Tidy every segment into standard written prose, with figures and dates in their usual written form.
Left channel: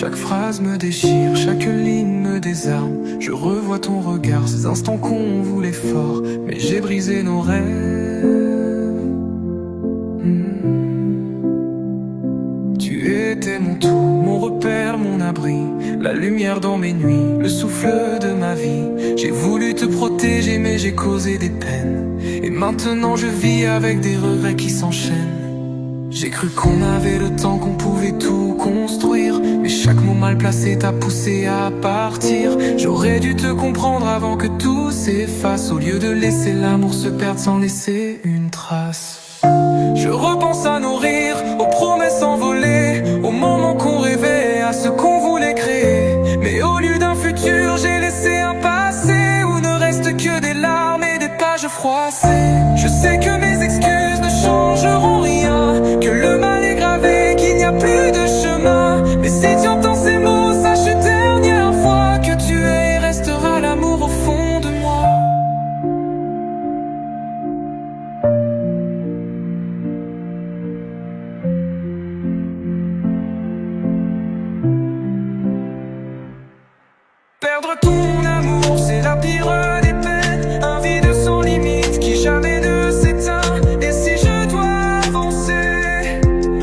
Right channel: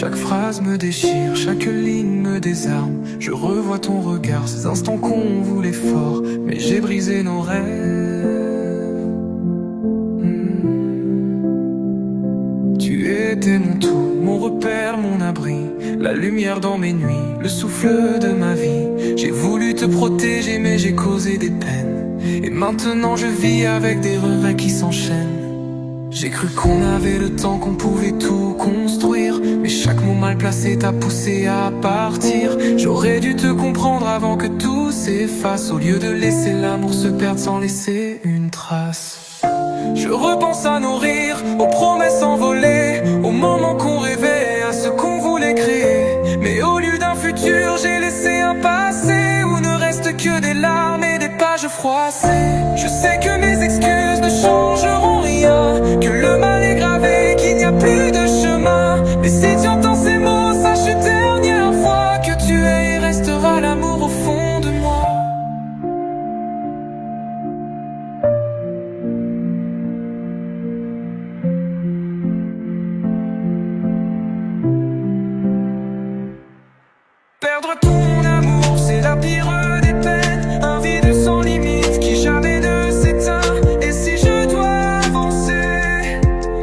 Chaque phrase me déchire, chaque ligne me désarme. Je revois ton regard, ces instants qu'on voulait fort, mais j'ai brisé nos rêves. Tu étais mon tout, mon repère, mon abri, la lumière dans mes nuits, le souffle de ma vie. J'ai voulu te protéger mais j'ai causé des peines, et maintenant je vis avec des regrets qui s'enchaînent. J'ai cru qu'on avait le temps, qu'on pouvait tout construire, mais chaque mot mal placé t'a poussé à partir. J'aurais dû te comprendre avant que tout s'efface, au lieu de laisser l'amour se perdre sans laisser une trace. Je repense à nos rires, aux promesses envolées, aux moments qu'on rêvait, à ce qu'on voulait créer. Mais au lieu d'un futur, j'ai laissé un passé où ne reste que des larmes et des pages froissées. Je sais que mes excuses ne changeront rien, que le mal est gravé, qu'il n'y a plus de chemin. Mais si tu entends ces mots, sache une dernière fois que tu es et resteras l'amour au fond de moi. Perdre ton amour, c'est la pire des peines. Un vide sans limite qui jamais ne s'éteint. Et si je dois avancer,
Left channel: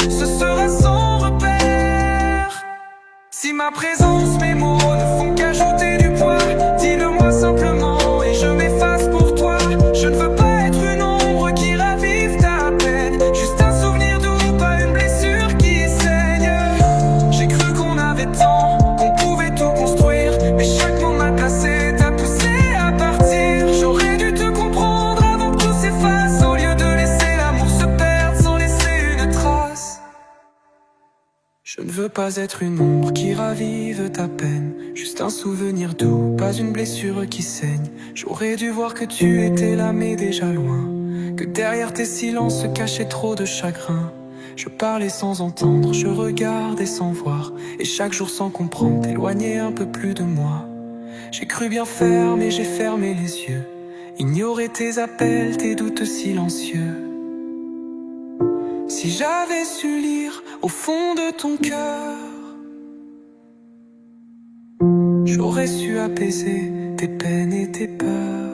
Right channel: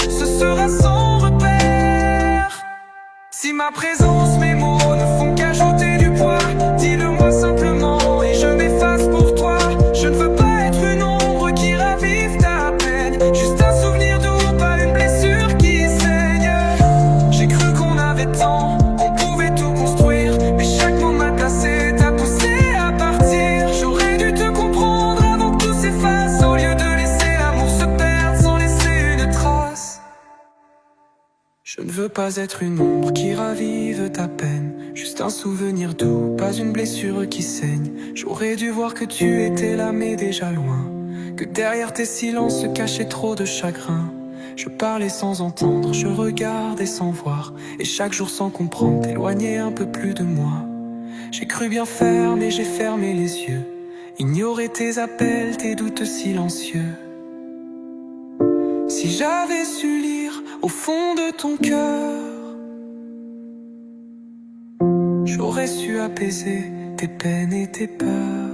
ce sera sans repère. Si ma présence, mes mots ne font qu'ajouter du poids, dis-le-moi simplement et je m'efface pour toi. Je ne veux pas être une ombre qui ravive ta peine, juste un souvenir doux, pas une blessure qui saigne. J'ai cru qu'on avait tant, qu'on pouvait tout construire, mais chaque mot mal placé t'a poussé à partir. J'aurais dû te comprendre avant que tout s'efface, au lieu de laisser l'amour se perdre sans laisser une trace. Je ne veux pas être une ombre qui ravive ta peine, juste un souvenir doux, pas une blessure qui saigne. J'aurais dû voir que tu étais là mais déjà loin, que derrière tes silences se cachait trop de chagrin. Je parlais sans entendre, je regardais sans voir, et chaque jour sans comprendre, t'éloignais un peu plus de moi. J'ai cru bien faire, mais j'ai fermé les yeux, ignorer tes appels, tes doutes silencieux. Si j'avais su lire au fond de ton cœur, j'aurais su apaiser tes peines et tes peurs.